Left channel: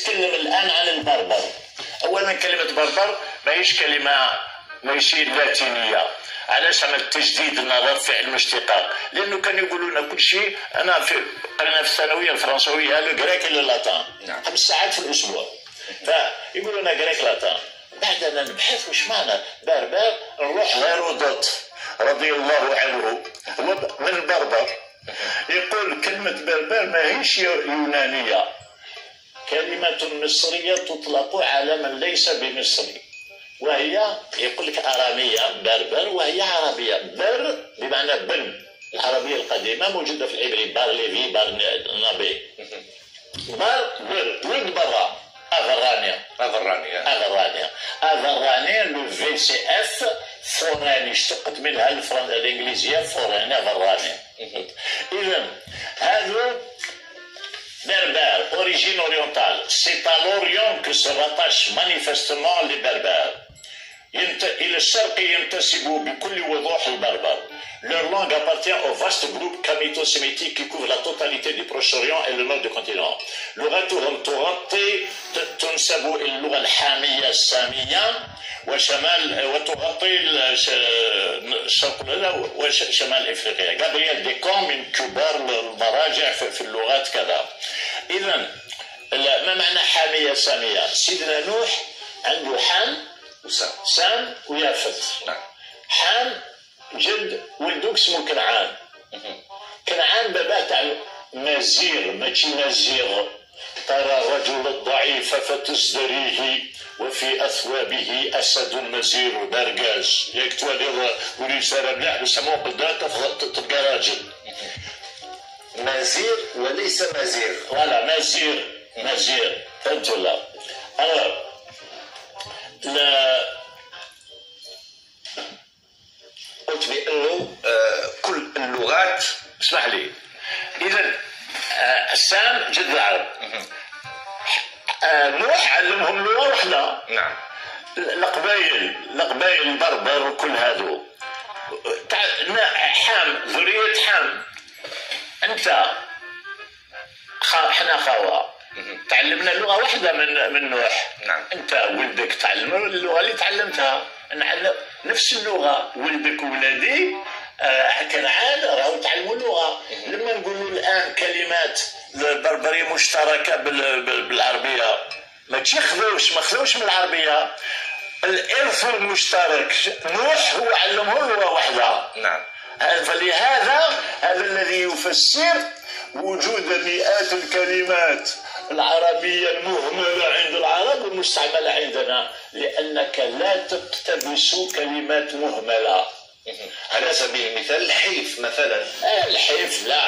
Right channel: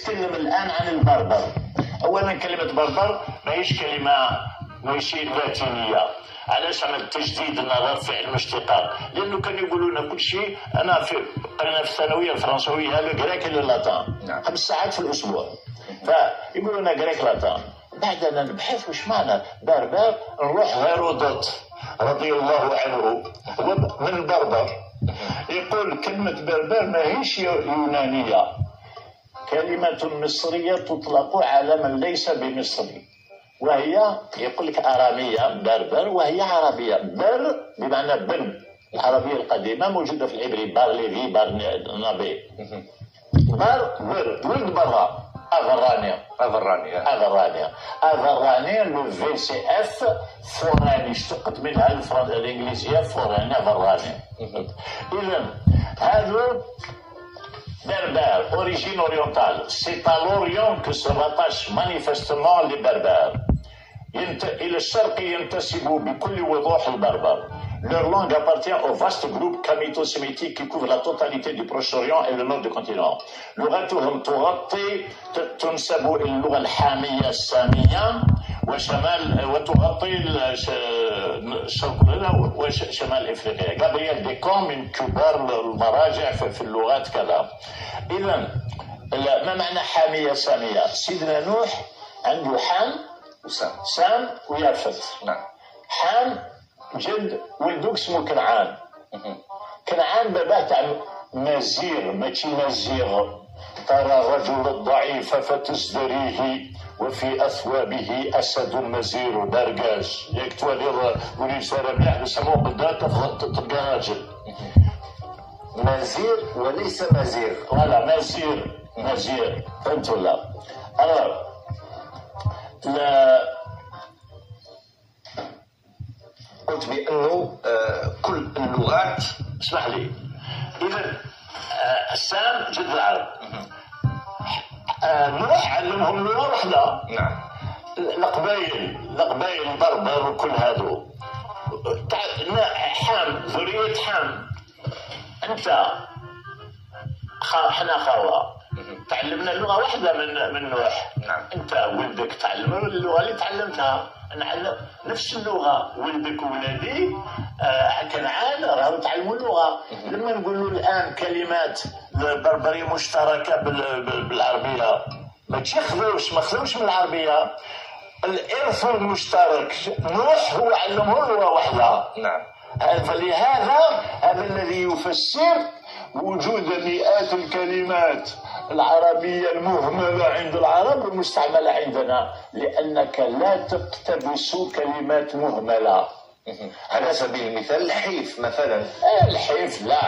نتكلم الآن عن البربر. أولا كلمة بربر ماهيش كلمة لاتينية. علاش عمل تجديد النظر في علم الاشتقاق؟ لأنه كانوا يقولوا لنا كل شيء. أنا في الثانوية الفرنسوية هذا جريك إلى اللاتان 5 ساعات في الأسبوع، فيقولوا لنا جريك لاتان. بعدنا نبحث وش معنى بربر، نروح هيرودوت رضي الله عنه من البربر يقول كلمة بربر ماهيش يونانية، كلمة مصرية تطلق على من ليس بمصري، وهي يقول لك أرامية بربر وهي عربية. بر بمعنى بن، العربية القديمة موجودة في العبري بار ليفي بار نابي. بر ولد برا افرانيا لو في سي اف فوراني، اشتقت منها الانجليزيه فوراني افراني. اذا هذا بربر اوريجين اورينتال، سي à l'Orient que se rattache manifestement les berbères. إلى الشرق ينتسب بكل وضوح البربر. Leur langue appartient au vaste groupe camito-sémitique qui couvre la totalité du Proche-Orient et le nord du continent. لغتهم تنسب إلى اللغة الحامية السامية وتغطي الشرق وشمال افريقيا. غابرييل ديكون من كبار المراجع في اللغات كذا. اذا ما معنى حامية سامية؟ سيدنا نوح عنده حام سام ويافت. حام جد ولدوك اسمه كنعان. كنعان باباه تاع مزير ماشي مزيغ. ترى الرجل الضعيف فتزدريه وفي اثوابه اسد مزير درقاش. ياك توالي ولي ساره ملاح يسموه قدام تلقى راجل. مزير وليس مزير. فوالا مزير فهمت ولا؟ قلت بانه كل اللغات. اسمح لي. اذا السام جد العرب. نوح علمهم لغه واحده. نعم. القبائل البربر وكل هذو حام ذريه حام. انت حنا خاوه تعلمنا لغه واحده من نوح. نعم. انت ولدك تعلم اللغه اللي تعلمتها. نعلم نفس اللغه، ولدك وولادي كنعان راهو تعلموا اللغه. لما نقولوا الان كلمات بربريه مشتركه بالعربيه ما خذوش من العربيه. الارث المشترك نوح هو علمه لغه واحده. نعم. فلهذا هذا الذي يفسر وجود مئات الكلمات العربية المهملة عند العرب والمستعملة عندنا، لأنك لا تقتبس كلمات مهملة. على سبيل المثال الحيف مثلا. الحيف لا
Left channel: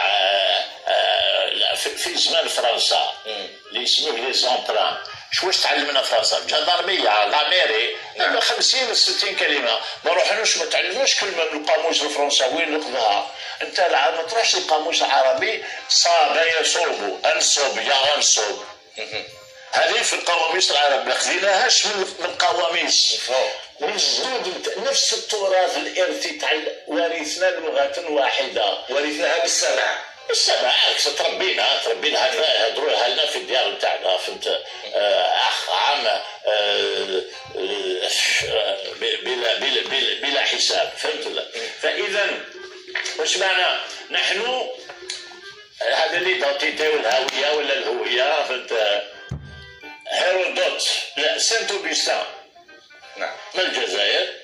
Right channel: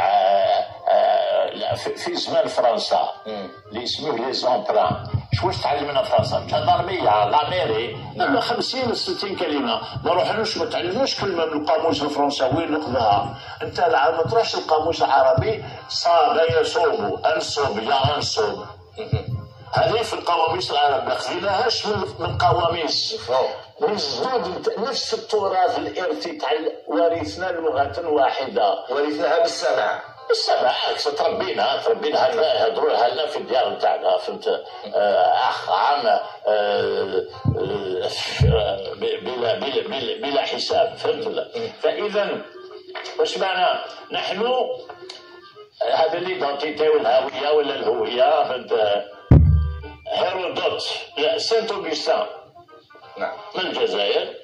في زمان فرنسا اللي يسموه لي زونتران. واش تعلمنا فرنسا؟ جندرمية لاميري. 50 60 كلمة. ما روحناش ما تعلمناش كلمة من القاموس الفرنساوي ناخذها. انت ما تروحش القاموس العربي صاب يصوب انصب يا انصب. هذه في القواميس العرب ما خذيناهاش من قواميس. مجدود نفس التراث الارثي تاع ورثنا لغة واحدة، ورثناها بالسمع. تربينا يهضروها لنا في الديار نتاعنا. فهمت؟ اخ عام بلا حساب. فهمت؟ فاذا واش معنى نحن هذا ليدونتيتي والهويه ولا الهويه؟ فهمت؟ هيرودوت سانت اوغسطين. نعم. من الجزائر.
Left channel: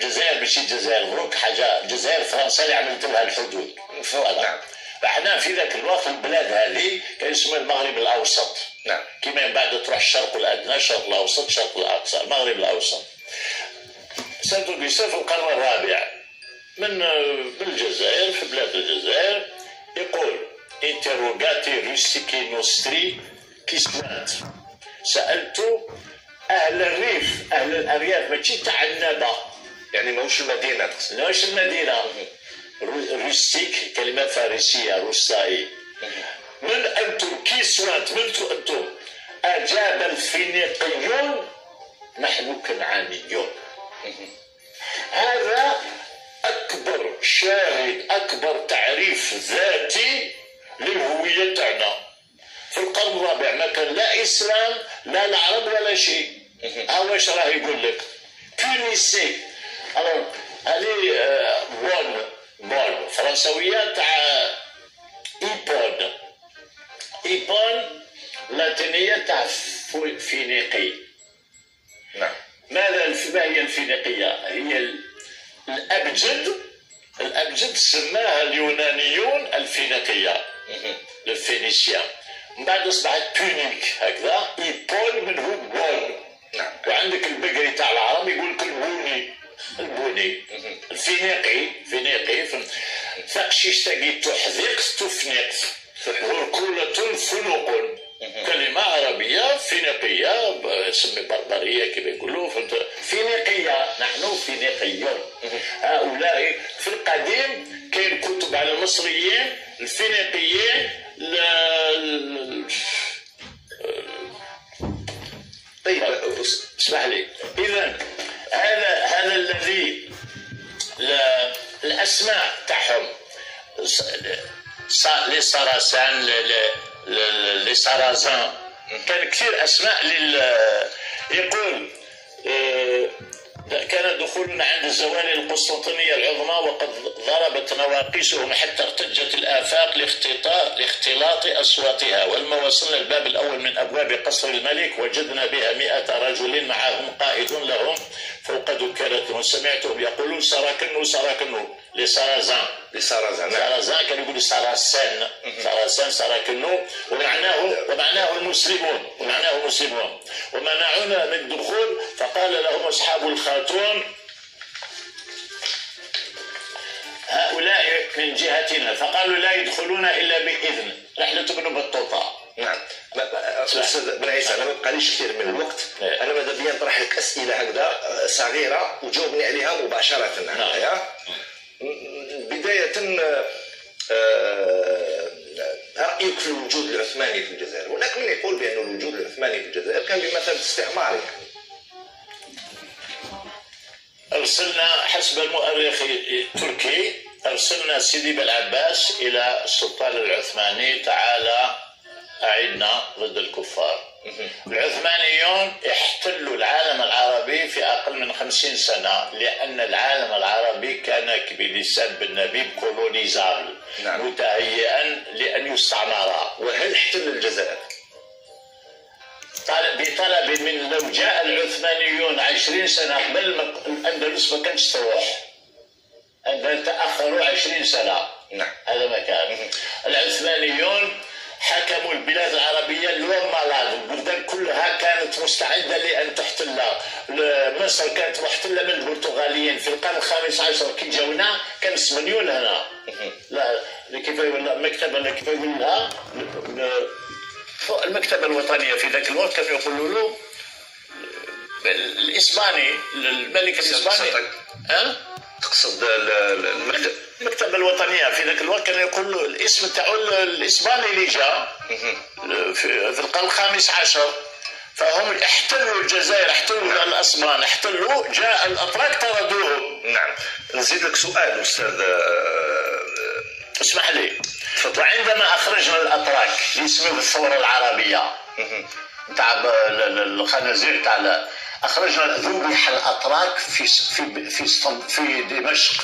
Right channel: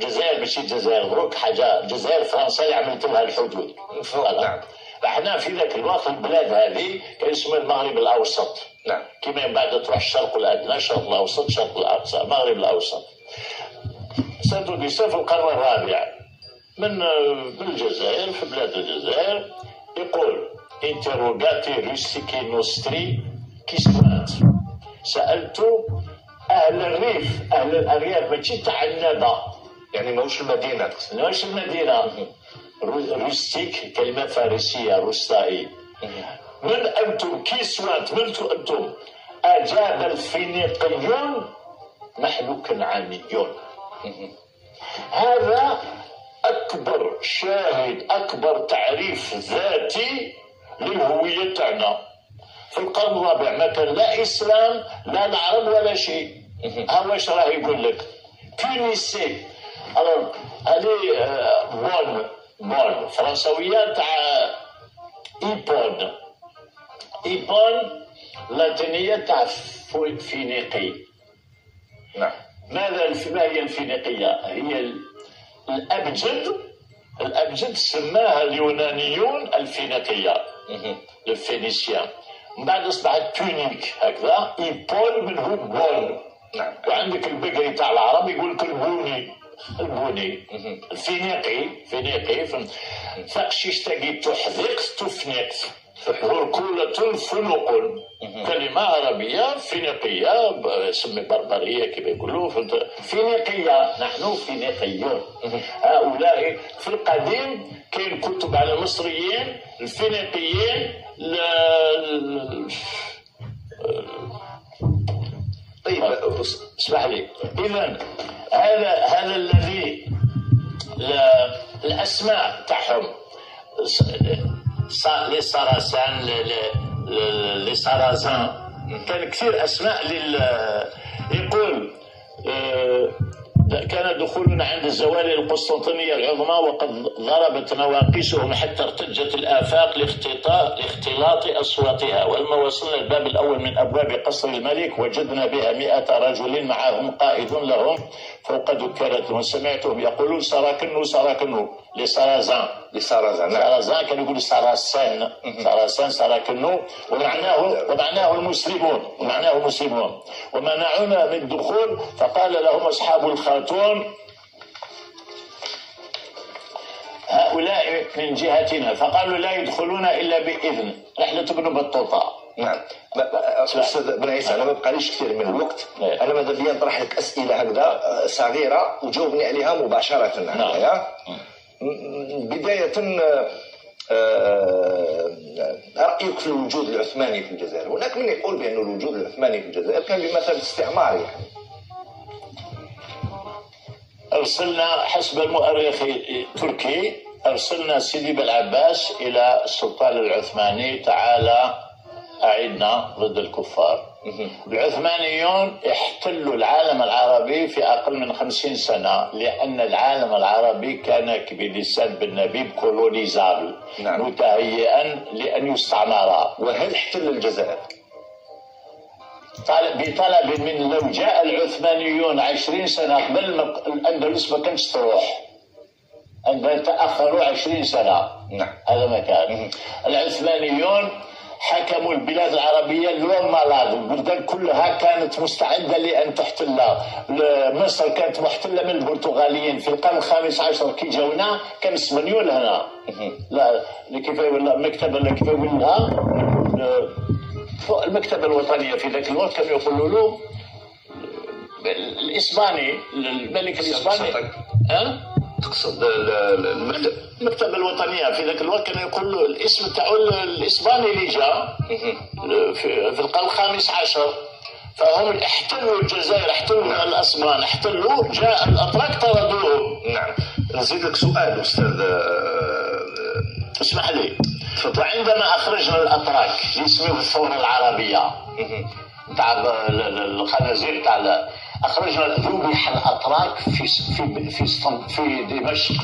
الجزائر ماشي الجزائر مبروك حاجه، الجزائر فرنسا اللي عملت لها الحدود. نعم. احنا في ذاك الوقت البلاد هذه كان اسمها المغرب الاوسط. نعم. كما بعد تروح الشرق الادنى، الشرق الاوسط، الشرق الاقصى، المغرب الاوسط. سانت اوغسطين في القرن الرابع من الجزائر، في بلاد الجزائر، يقول انتروغاتي روسيكي نوستري كيسوات. سالت اهل الريف، اهل الارياف ماشي تاع الندى، يعني ماهوش المدينه. ماهوش المدينه. روستيك كلمه فارسيه روستائي. من انتم كيسوات؟ من انتم؟ اجاب الفينيقيون نحن كنعانيون. هذا اكبر شاهد، اكبر تعريف ذاتي للهويه تاعنا. القرن الرابع ما كان لا اسلام لا العرب ولا شيء. ها واش راه يقول لك بونيسي. الوغ الي بون فرنسويه تاع ايبون لاتينيه تاع فينيقي. نعم. ما هي الفينيقيه؟ هي الابجد سماها اليونانيون الفينيقيه الفينيسيان. من بعد اصبحت بونيك هكذا. ايبون منه بون. نعم. وعندك البقري تاع العرب يقول لك البوني الفينيقي ثقشيش تاقي تحذقت تفنقت هركولة فنوق. كلمة عربية فينيقية سمي بربرية كما يقولوا فينيقية. نحن فينيقيون. هؤلاء في القديم كاين كتب على المصريين الفينيقيين. طيب اسمح لي. اذا هذا الذي الاسماء تاعهم لي ساراسان لي سارازان كان كثير اسماء يقول كان دخولنا عند الزوالي القسطنطينية العظمى وقد ضربت نواقيسهم حتى ارتجت الآفاق لاختلاط أصواتها. ولما وصلنا الباب الأول من أبواب قصر الملك وجدنا بها 100 رجل معهم قائد لهم فوق دكانتهم. سمعتهم يقولون سراكنو لسارازان. سارازان كانوا يقولوا ساراسان سراكنو ومعناه المسلمون. ومنعونا من الدخول فقال لهم أصحاب الخاتون هؤلاء من جهتنا فقالوا لا يدخلون إلا بإذن. رحلة ابن بطوطة. نعم. استاذ بن عيسى انا ما بقاليش كثير من الوقت. انا ماذا بيا نطرح لك اسئله هكذا صغيره وجاوبني عليها مباشره. نعم. بدايه رايك في الوجود العثماني في الجزائر. هناك من يقول بان الوجود العثماني في الجزائر كان بمثابه استعمار يعني. ارسلنا حسب المؤرخ التركي ارسلنا سيدي بالعباس الى السلطان العثماني تعالى أعدنا ضد الكفار. العثمانيون احتلوا العالم العربي في أقل من 50 سنة لأن العالم العربي كان بلسان بن نبيب كولونيزابل. نعم. متهيئا لأن يستعمر. وهل احتل الجزائر؟ بطلب من لو جاء العثمانيون 20 سنة قبل الأندلس ما كانش تروح. أن تأخروا 20 سنة. نعم. هذا ما كان. العثمانيون حكموا البلاد العربية اليوم مالاد. البلدان كلها كانت مستعدة لأن تحتلها. مصر كانت محتلة من البرتغاليين في القرن الخامس عشر. كي جاونا كان اسبانيول هنا. لا كيف يقول المكتبة كيف يقول لها المكتبة الوطنية في ذاك الوقت كانوا يقولوا له الإسباني الملك الإسباني. تقصد المكتبة الوطنية في ذاك الوقت كان يقول له الاسم تاعو الإسباني اللي جاء في القرن الخامس عشر. فهم احتلوا الجزائر احتلوا الأسبان احتلوا جاء الأتراك طردوهم. نعم. نزيد لك سؤال أستاذ اسمح لي. وعندما أخرجنا الأتراك اللي يسموه الثورة العربية تاع الخنازير تاع أخرجنا ذبح الأتراك في دمشق.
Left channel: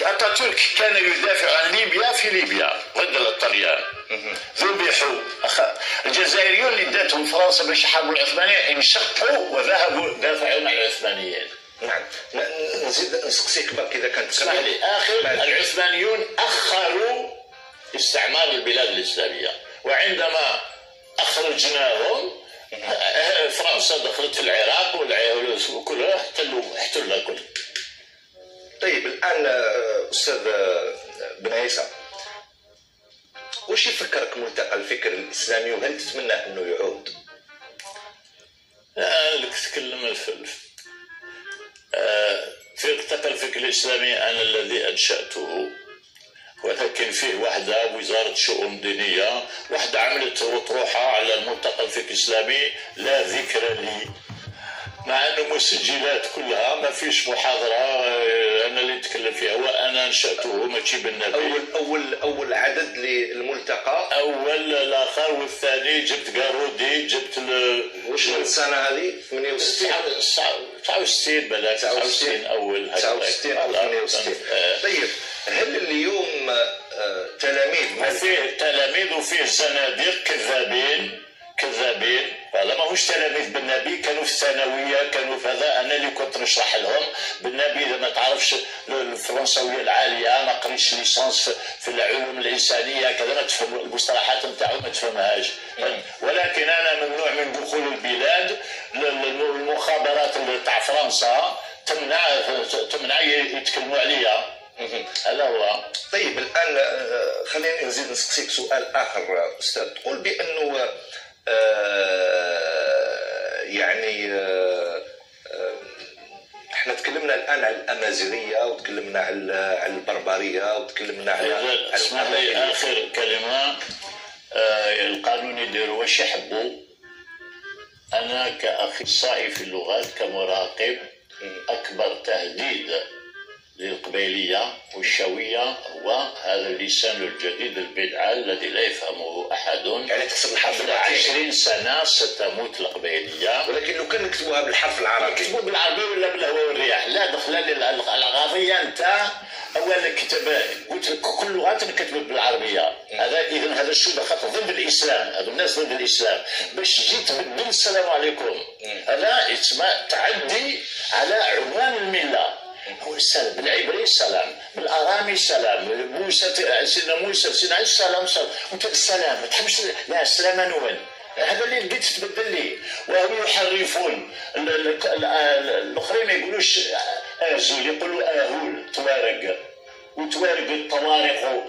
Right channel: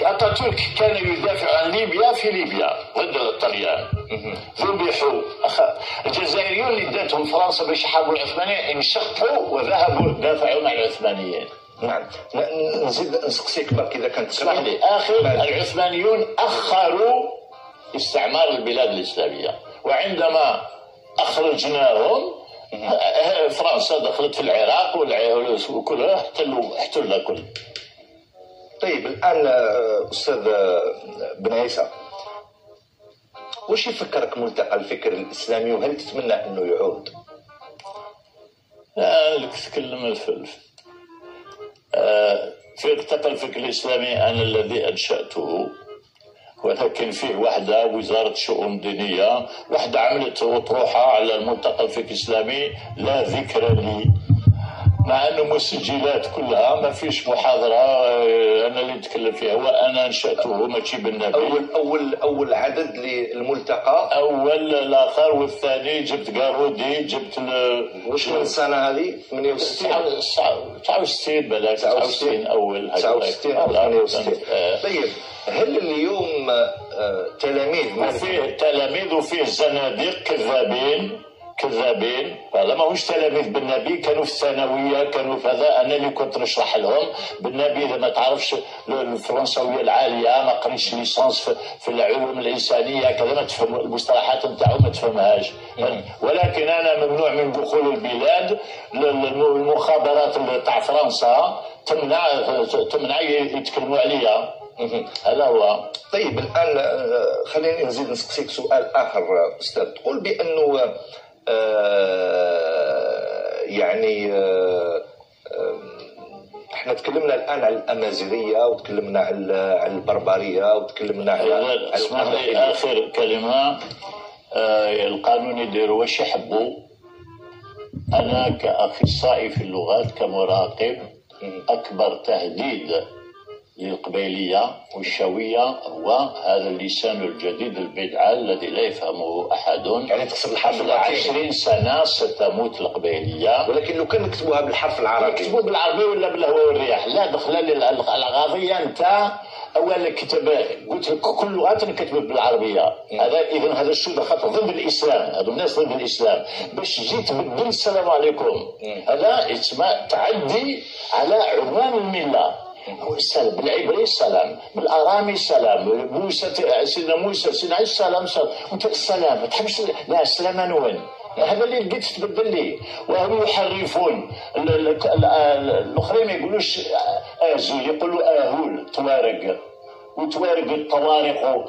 أتاتورك كان يدافع عن ليبيا في ليبيا ضد الطليان. ذبحوا. الجزائريون اللي داتهم فرنسا باش يحاربوا العثمانيين انشقوا وذهبوا دافعوا عن العثمانيين. نعم. نزيد نسقسيك برك اذا كانت اسمح لي. اخر العثمانيون اخروا استعمار البلاد الاسلاميه وعندما اخرجناهم فرنسا دخلت في العراق وكلها احتلوا الكل. طيب الان استاذ بن عيسى واش يفكرك ملتقى الفكر الاسلامي وهل تتمنى انه يعود؟ لك تكلم في ملتقى الفكر الاسلامي انا الذي انشاته ولكن فيه وحده وزاره شؤون دينيه وحده عملت اطروحه على الملتقى الفكر الاسلامي لا ذكر لي. مع انه مسجلات كلها ما فيش محاضره انا اللي نتكلم فيها، هو انا انشاته ماشي بالنبي. اول عدد للملتقى، اول الاخر والثاني جبت قارودي، جبت واش من السنه هذه 68 69 بلا 69 اول 69 او 68. طيب هل اليوم تلاميذ فيه تلاميذ وفيه زناديق كذابين هذا ماهوش تلاميذ بالنبي، كانوا في الثانويه، كانوا في هذا. انا اللي كنت نشرح لهم بالنبي. ما تعرفش الفرنسويه العاليه، ما قريتش ليسانس في العلوم الانسانيه كذا، ما تفهم المصطلحات نتاعو ما تفهمهاش. ولكن انا ممنوع من دخول البلاد. المخابرات تاع فرنسا تمنع يتكلموا عليا. هذا هو. طيب الان خليني نزيد نسقسيك سؤال اخر استاذ. تقول بانه يعني احنا تكلمنا الان على الامازيغيه وتكلمنا على البربريه وتكلمنا على اخر كلمه. القانون يديروا واش يحبوا. انا كاخصائي في اللغات كمراقب، اكبر تهديد للقبيلية والشوية هو هذا اللسان الجديد البدعة الذي لا يفهمه أحد. يعني تكتب الحرف اللاتيني 20 سنة ستموت القبيلية. ولكن لو كان نكتبوها بالحرف العربي، نكتبوا بالعربي ولا بالهواء والرياح، لا دخل القضية. أنت أول كتب قلت كل اللغات نكتب بالعربية. هذا إذا هذا الشبهة خاطر ضد الإسلام، هذو الناس ضد الإسلام. باش تجي تبدل السلام عليكم، هذا يسمى تعدي على عنوان الملة. هو السلام بالعبري السلام، بالارامي السلام، موسى سيدنا موسى سيدنا عيسى السلام. وانت السلام ما تحبش، لا السلام نون. هذا اللي لقيت تبدل لي. وهم يحرفون الاخرين ما يقولوش ازول، يقولوا اهول توارق. وتوارق الطوارق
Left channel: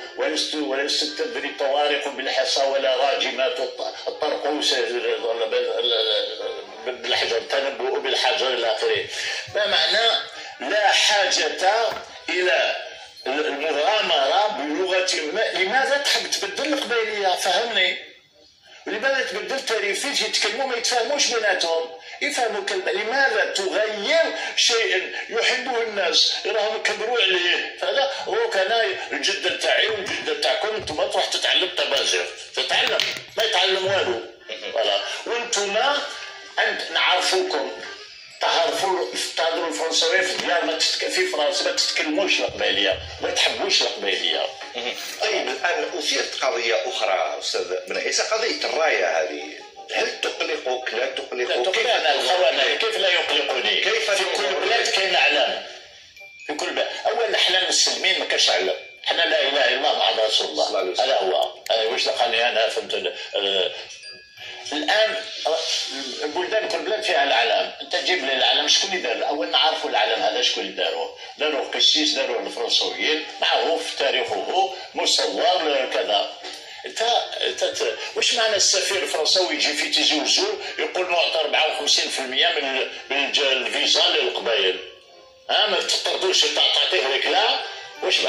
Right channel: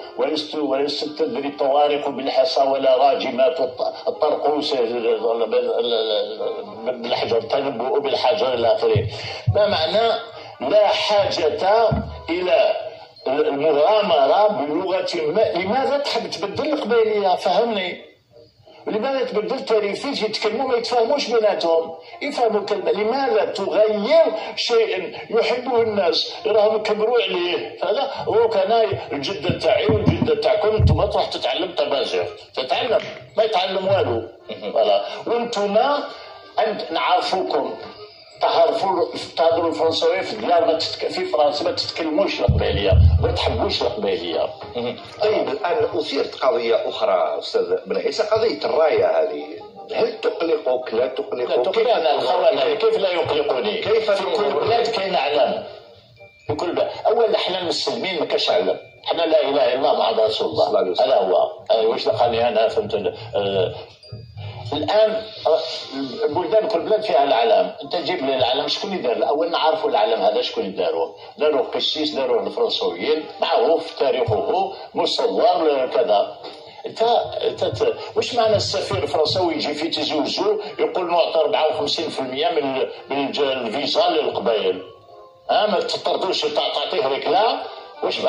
ولست تدري الطوارق بالحصى ولا راجمات الطرق بالحجر تنبؤ بالحجر الى اخره. ما معنى لا حاجة إلى المغامرة بلغة ما. لماذا تحب تبدل القبيلية؟ فهمني. لماذا تبدل تاريخي يتكلموا ما يتفاهموش بيناتهم؟ يفهموا كلمة. لماذا تغير شيء يحبه الناس راهم يكبروا عليه؟ فهذا هو كان الجدة تاعي والجدة تاعكم. انتم تروح تتعلم طبازير، تتعلم ما يتعلم والو. وانتم نعرفوكم تهضروا الفرنساويه في ديار في فرنسا ما تتكلموش القبيليه، ما تحبوش القبيليه. طيب الان اثيرت قضيه اخرى استاذ بن عيسى، قضيه الرايه هذه. هل تقلقك؟ لا تقلقك؟ كيف انا الخونه كيف لا يقلقني؟ كيف في كل بلاد كاين اعلام، في كل بلاد. اولا احنا المسلمين ما كاش اعلام، احنا لا اله الا الله محمد رسول الله. هذا هو. واش دخلني انا فهمت. الان البلدان كل بلاد فيها العلم. انت جيب لي العلم شكون اللي دار؟ اول نعرفوا العلم هذا شكون اللي داروه. داروه قسيس، داروه الفرنسويين، معروف تاريخه مصور كذا. انت واش معنى السفير الفرنساوي يجي في تيزي وزو يقول نعطي 54% من الفيزا للقبائل؟ ما تطردوش تعطيه هيك لا. واش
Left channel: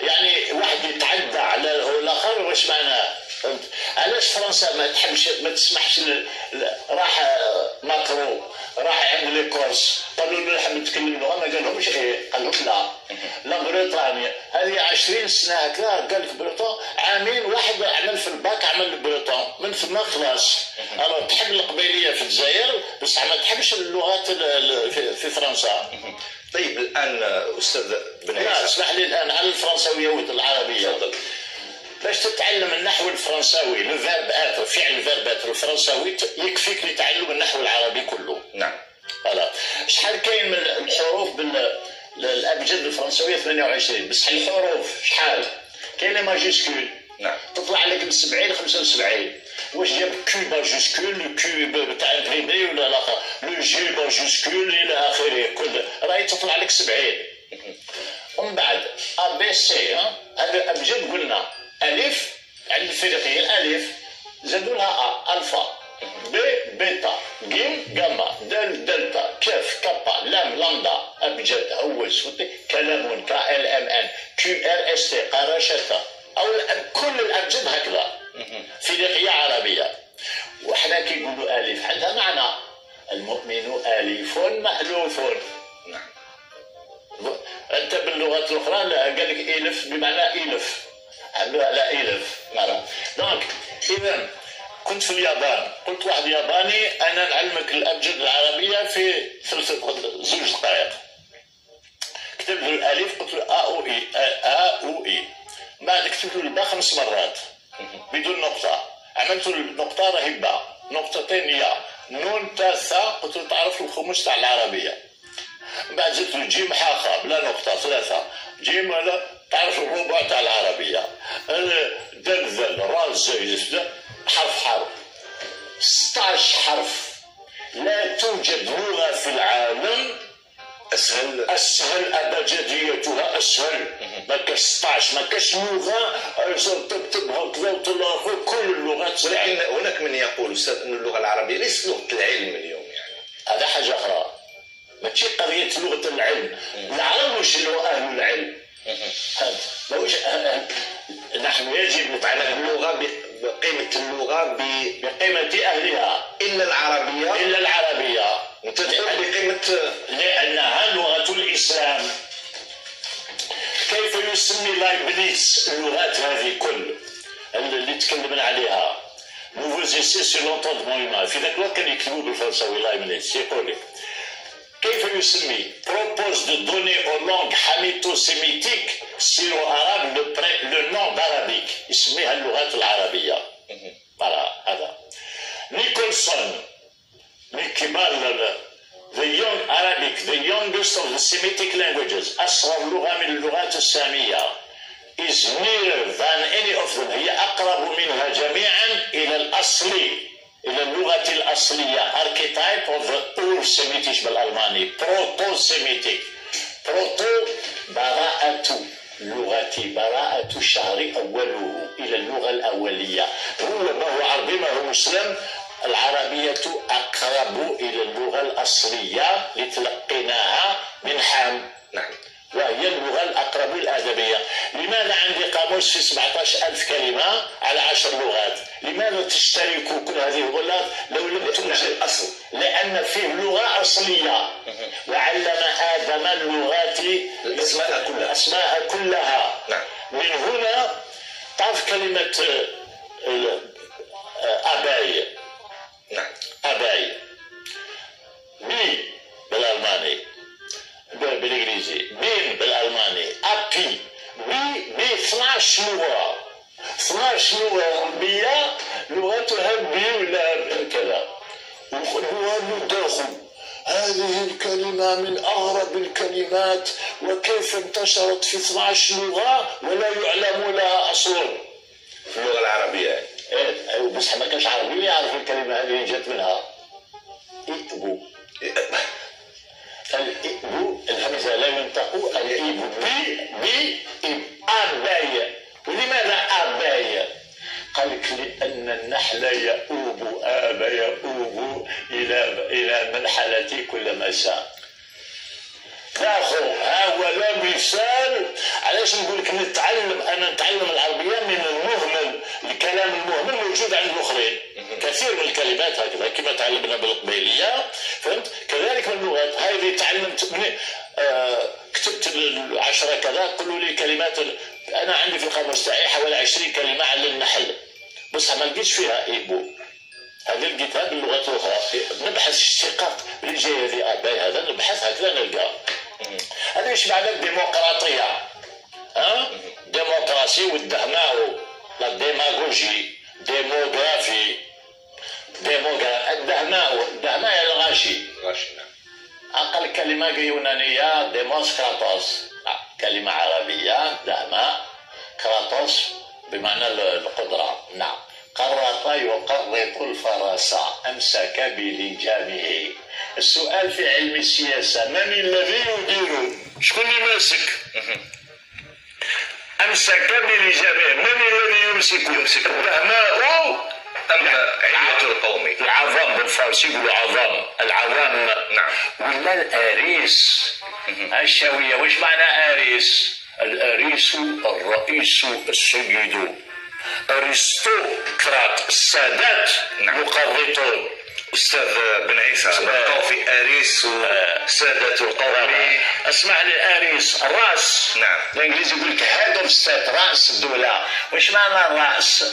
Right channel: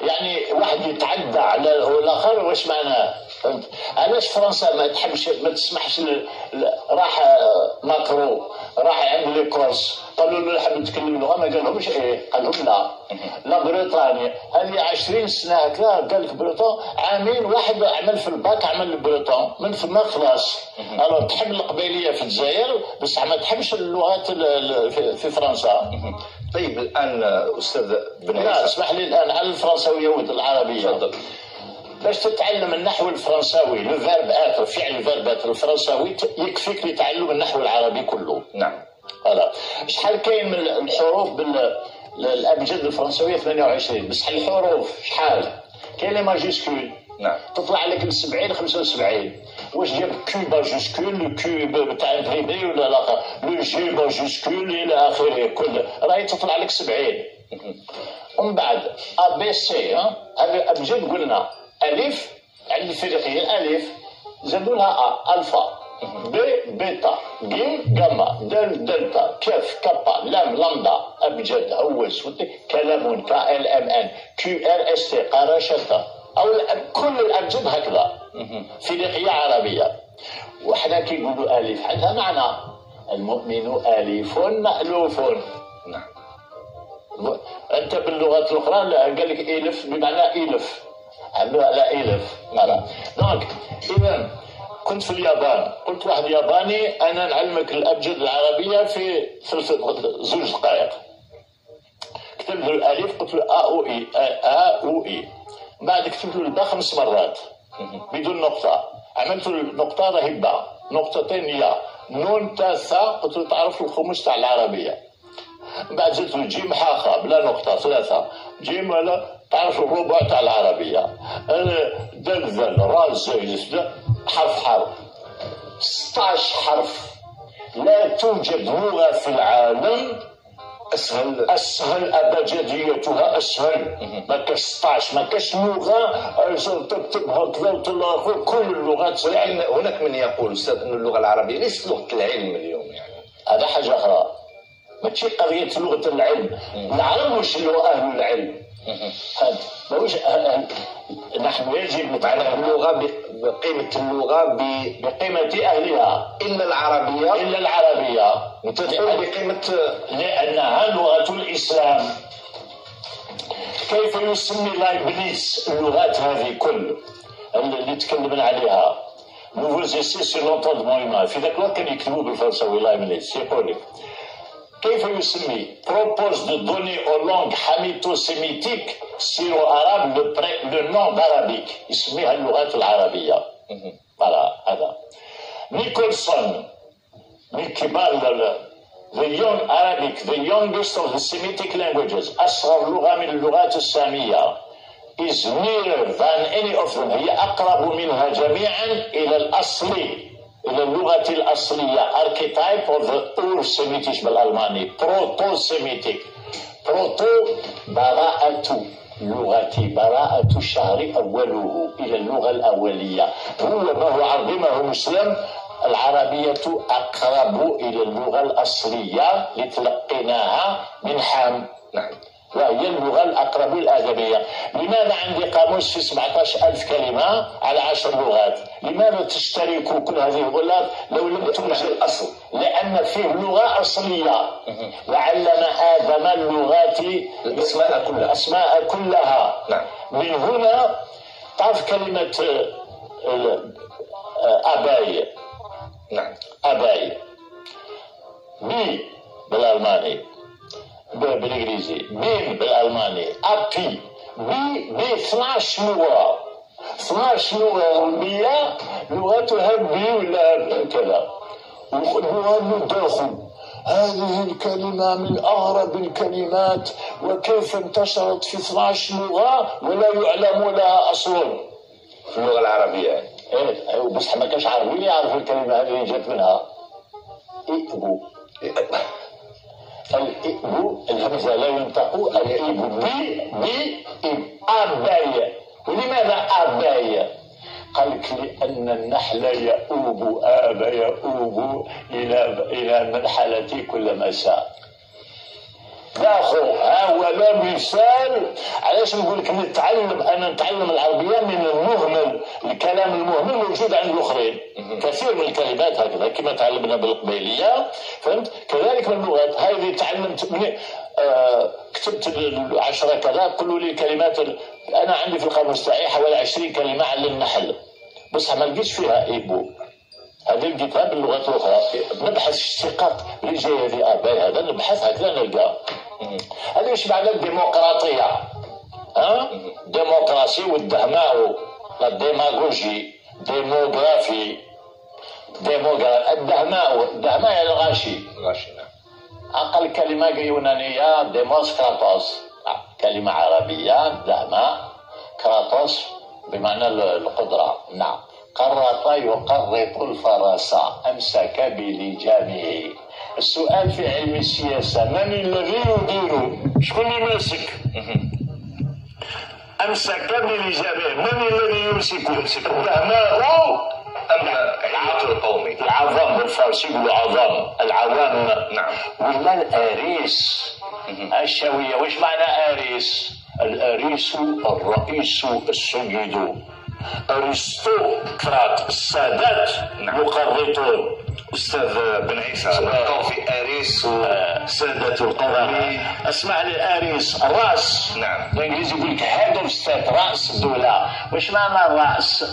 يعني واحد يتعدى على الاخر؟ واش معناه؟ فهمت؟ علاش فرنسا ما تحبش ما تسمحش راح ماكرو راح عند لي كورس قالوا له نحب نتكلم لغه، ما قالهمش ايه، قال لهم لا بريطانيا هذه 20 سنه هكذا. قال لك بريطان عامين واحد عمل في الباك عمل بريطان من ثم خلاص. تحب القبيليه في الجزائر بس ما تحبش اللغات في فرنسا. طيب الان استاذ بن عيسى، لا اسمح لي الان على الفرنساويه والعربيه. تفضل. باش تتعلم النحو الفرنساوي الفيرب اتر، فعل الفيرب اتر الفرنساوي يكفيك لتعلم النحو العربي كله. نعم. فوالا. شحال كاين من الحروف بالابجد الفرنساويه 28، بصح الحروف شحال؟ كاين لي ماجيسكول. نعم. تطلع لك ب 70 75. واش جاب كيو ماجيسكول، لو كيو تاع امبريمي ولا لا، لو جي ماجيسكول الى اخره، كل راهي تطلع لك 70. ومن بعد ا بي سي هذا ابجد قلنا الف عند الفريقيه الالف زادوا لها الفا، ب بيتا، ج جاما، دال دلتا، كاف كابا، لام لامدا، ابجد هوس كلام كال ام ان كيو ار اس تي قراشتا. او كل الابجد هكذا فريقيه عربيه. وحنا كي نقولوا الف عندها معنى. المؤمن أليف مألوف. نعم. أنت باللغات الأخرى لا قال لك إلف بمعنى إلف، عملوها على إلف معنى. دونك إذا كنت في اليابان، قلت واحد ياباني أنا نعلمك الأبجد العربية في 2 دقائق. كتب له الألف قلت له أ أو إي أ أو إي، بعد كتبت له الباء 5 مرات بدون نقطة، عملت له النقطة راهي باء، نقطتين يا، نون تا ثا، قلت له تعرف الخمس تاع العربية. بعد زدت له جيم حا خا بلا نقطة 3، جيم ولا تعرف الربع تاع العربية، دال ذل را زي حرف حرف 16 حرف. لا توجد لغة في العالم اسهل ابجديتها اسهل. ما كاش 16، ما كاش لغه تكتبها كذا وتلاقي كل اللغات. ولكن هناك من يقول استاذ ان اللغه العربيه ليست لغه العلم اليوم، يعني هذا حاجه اخرى، ماشي قضيه لغه العلم. العرب واش اللغه اهل العلم، ماهوش نحن يجب نتعلم اللغه بقيمه اللغه بقيمه اهلها، الا العربيه تدخل بقيمه لانها لغه الاسلام. كيف يسمي لايبنيز اللغات هذه كل اللي تكلمنا عليها نوفوز اسي سور لونتوندمون هيومان؟ في ذاك الوقت كانوا يكتبوا بالفرنساوي لايبنيز، يقول لك كيف يسمي propose de donner aux langues hamito-sémitiques syro-arabes le nom d'arabique، يسميها اللغات العربية. هذا نيكولسون من كبار the young Arabic, the youngest of the Semitic languages، أصغر لغة من اللغات السامية، is nearer than any of them، هي أقرب منها جميعا إلى الأصل، إلى اللغة الأصلية. archetype of the Ur-Semitic بالألماني، proto-Semitic. proto براءة لغتي، براءة الشهر أوله، إلى اللغة الأولية. هو ما هو عربي ما هو مسلم. العربية أقرب إلى اللغة الأصلية لتلقيناها من حام. نعم. وهي اللغة الأقرب الأدبية. لماذا عندي قاموس في 17,000 كلمة على 10 لغات؟ لماذا تشترك كل هذه اللغات لو لم توجد الأصل؟ لأن فيه لغة أصلية، وعلم آدم اللغات الأسماء كلها. نعم. من هنا تعرف كلمة أباي. نعم. أباي بي بالألماني، بالإنجليزي بين بالألماني، أبي بي 12 لغة، 12 لغة أوروبية لغتها بي ولا كذا. والداخل هذه الكلمة من أغرب الكلمات، وكيف انتشرت في 12 لغة ولا يعلم لها أصول في اللغة العربية. إيه بس ما كانش عربي يعرف الكلمة هذه جات منها. إيبو الإبو الهمزة لا ينطق، الإبو بي أباي. ولماذا أباي؟ قال لك لأن النحل يؤوب يؤوب إلى منحلة كل مساء. داخل ها هو لا مثال. علاش نقول لك انا نتعلم العربيه من المهمل، الكلام المهمل موجود عند الاخرين، كثير من الكلمات هكذا كما تعلمنا بالقبيليه، فهمت؟ كذلك من اللغات هذه تعلمت من كتبت 10 كذا، قولوا لي كلمات. انا عندي في القاموس تاعي حوالي 20 كلمه على النحل، بس ما لقيتش فيها ايبو. هذه لقيتها باللغات الاخرى. نبحث اشتقاق اللي جاي هذه اباي، هذا نبحث هكذا نلقاه. هذا ايش معنى الديمقراطيه؟ ديمقراسي والدهماء، لا ديماغوجي، ديموغرافي، الدهماء الغاشي. أقل كلمة يونانية ديموسكراتوس، كلمة عربية دهماء، كراتوس بمعنى القدرة. نعم. قرط يقرط الفرس، أمسك بلجامه. السؤال في علم السياسة، من الذي يدير؟ شكون اللي ماسك؟ أمسك بلجامه، من الذي يمسك؟ الدهماء أم العقل القومي؟ العظام بالفارسي يقولوا عظام، العوام. نعم. ولا الآريس الشاوية. واش معنى آريس؟ الآريس الرئيس السيد، أرسطقراط السادات، يقرطون استاذ بن عيسى نبقاو في اريس وسادة القومي. اسمع لي، اريس الراس. نعم. الانجليزي يقول لك هيد اوف ستيت، راس الدوله. واش معنى الراس؟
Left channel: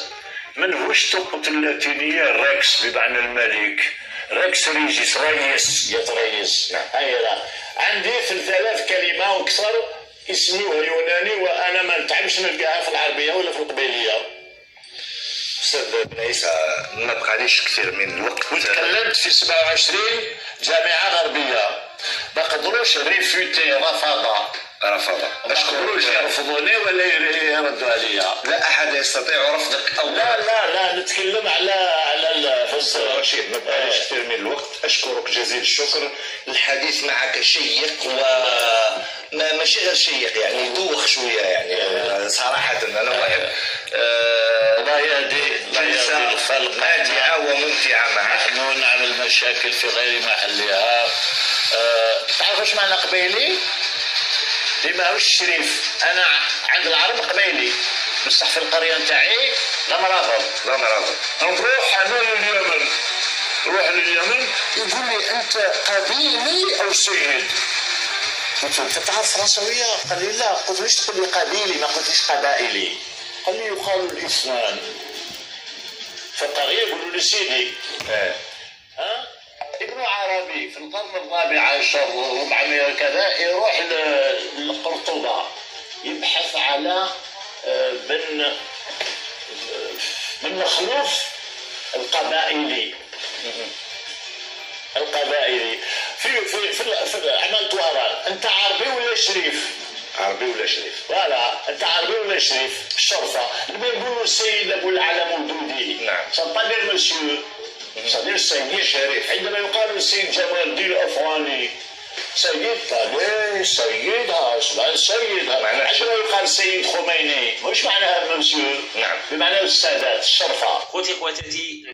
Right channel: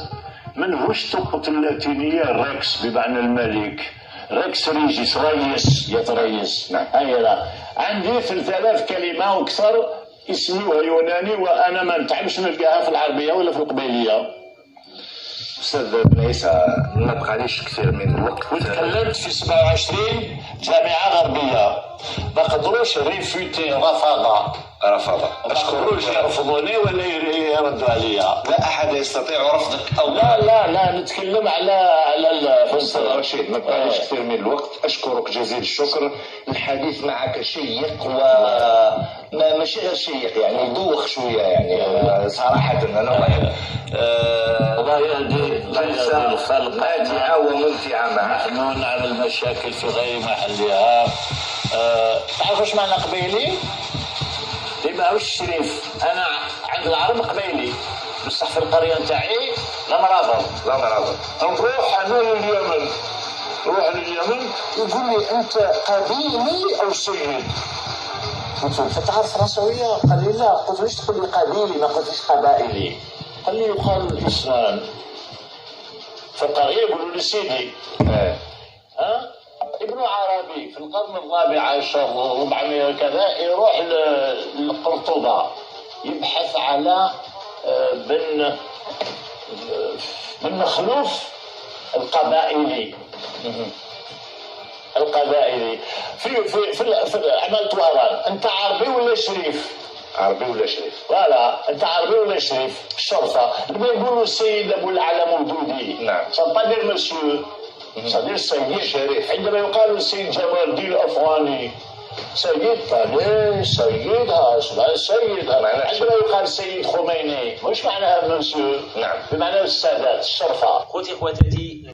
منهوش تقط اللاتينيه ريكس بمعنى الملك، ريكس ريجيس، ريس، يتريس. نعم. هيا عندي 3000 كلمه واكثر اسمي يوناني، وانا ما نتعبش نلقاها في العربيه ولا في القبيليه. استاذ بن عيسى ما بقاليش كثير من الوقت، وتكلمت في 27 جامعه غربيه، ما قدروش ريفوتي، رفض. ما قدروش يرفضوني ولا يردوا عليا. لا احد يستطيع رفضك او لا نتكلم على استاذ رشيد، ما بقاليش كثير من الوقت. اشكرك جزيل الشكر. الحديث معك شيق ماشي غير شيق، يعني يدوخ شويه، يعني صراحه انا واحد الله يهدي جلسه ماتعه وممتعه معك. نحن نعمل مشاكل في غير محلها. تعرف ايش معنى قبيلي؟ ديما هو الشريف. انا عند العرب قبيلي، بصح في القريه نتاعي لا مرابط. نروح انا لليمن، يقول لي انت قبيلي او سيد؟ قلت له انت تعرف فرنسويه؟ قال لي لا. قلت له ليش تقول لي قبيلي ما قلتليش قبائلي؟ قال لي يقال الاسنان. في القريه يقولوا لي سيدي. ابن عربي في القرن الرابع عشر 400 كذا يروح لقرطبة يبحث على بن مخلوف القبائلي في عملت وهران. انت عربي ولا شريف؟ عربي ولا شريف؟ فوالا، انت عربي ولا شريف؟ الشرطه لما يقولوا السيد ابو العلا مودودي. نعم. سنطقر مسيو، صديق السيد الشريف. عندما يقال السيد جمال الدين الافغاني سيد، طيب سيدها عندما يقال السيد خميني، وش معناها مسيو؟ نعم. بمعنى السادات، الشرفه. خوتي خواتاتي